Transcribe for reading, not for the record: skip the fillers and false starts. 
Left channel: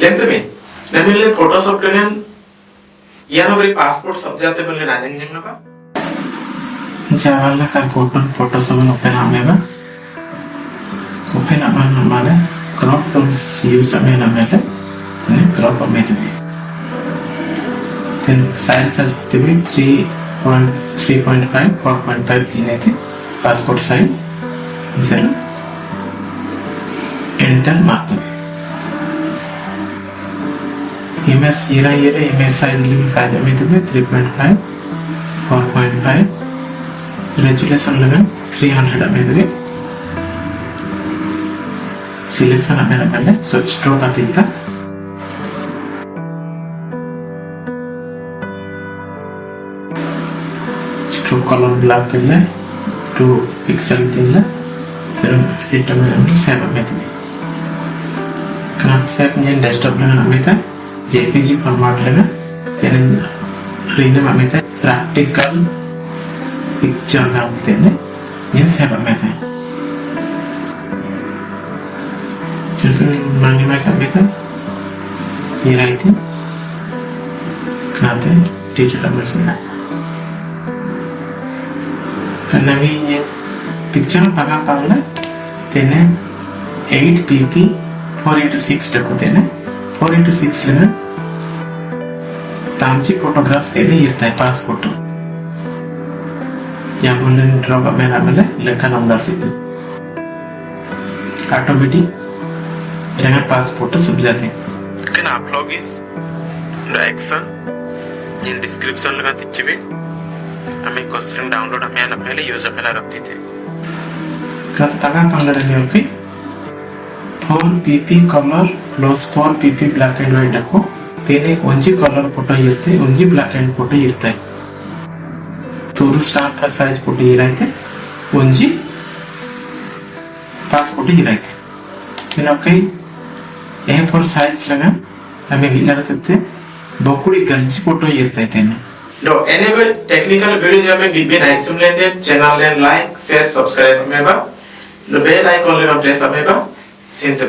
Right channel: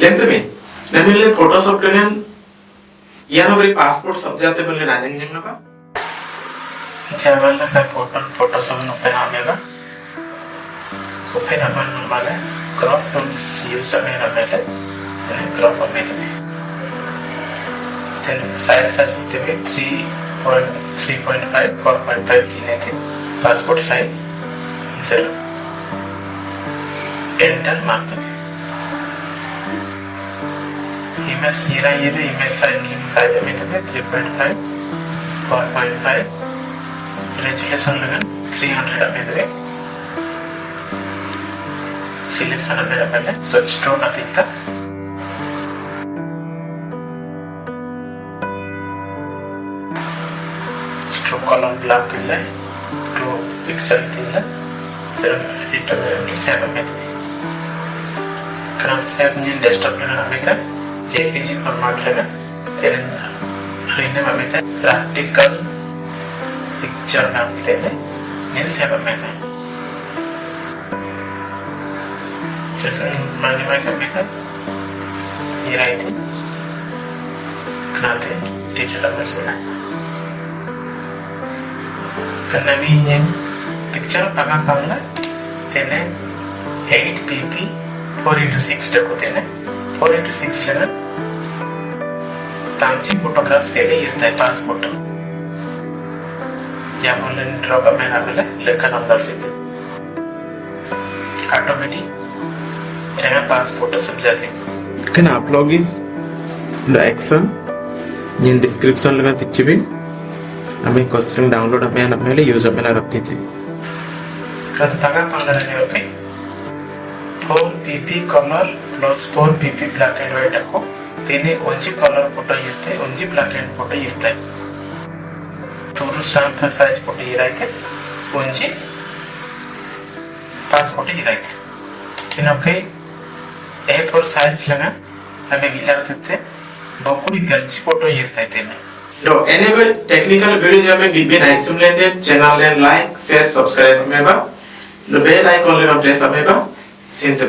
Lentamente. Namile Photoshop dengan yang beri pasport subjeknya boleh rajin yang apa? Jawabannya kan Photoshop open namanya. Open namanya crop from use namanya. Crop method. Then size TV 3.5 4.5 तीन passport size. Then enter mark. Image image size method 3.5 4.5 resolution level 300 method selection available so stroke atinta stroke color black tilla 2 pixel tilla then determine save method kana save ni desktop dengan method JPG format lega then rename method practical picture नाम देने ये सब method सिर्फ minimize method ये रहती कहते digital version karena ini picture pakai pakai तेने 8pp 4:6 तक होते हैं 4:6 लेना तांची फोटोग्राफ्स तेरे ये रहता है passport yang boleh draw kamera mana lekan nomor situ automatic dengan passport sebelahnya kena login the action in description लगा दीजिए हमें क्वेश्चन डाउनलोड हमें पहले यूजर में रखते थे kata tangan panggilannya oke 4pp color plus 4pp black and white aku तेरे onji color photo इरते onji black and फोटो इरता है तोरू स्टार पर साइज फोटो ये रहते पूंजी पास फोटो ये रहते इन ओके ये पर साइज लगा हमें गिला रहते बकुड़ी गंजी फोटो ये रहते हैं लो anyway technical video जो हमें गिब्बे नाइस लेंगे चैनल ले लाइक शेयर सब्सक्राइब हमें बा लो बेल आइकॉन ले हम प्रेस हमें बा सेंटर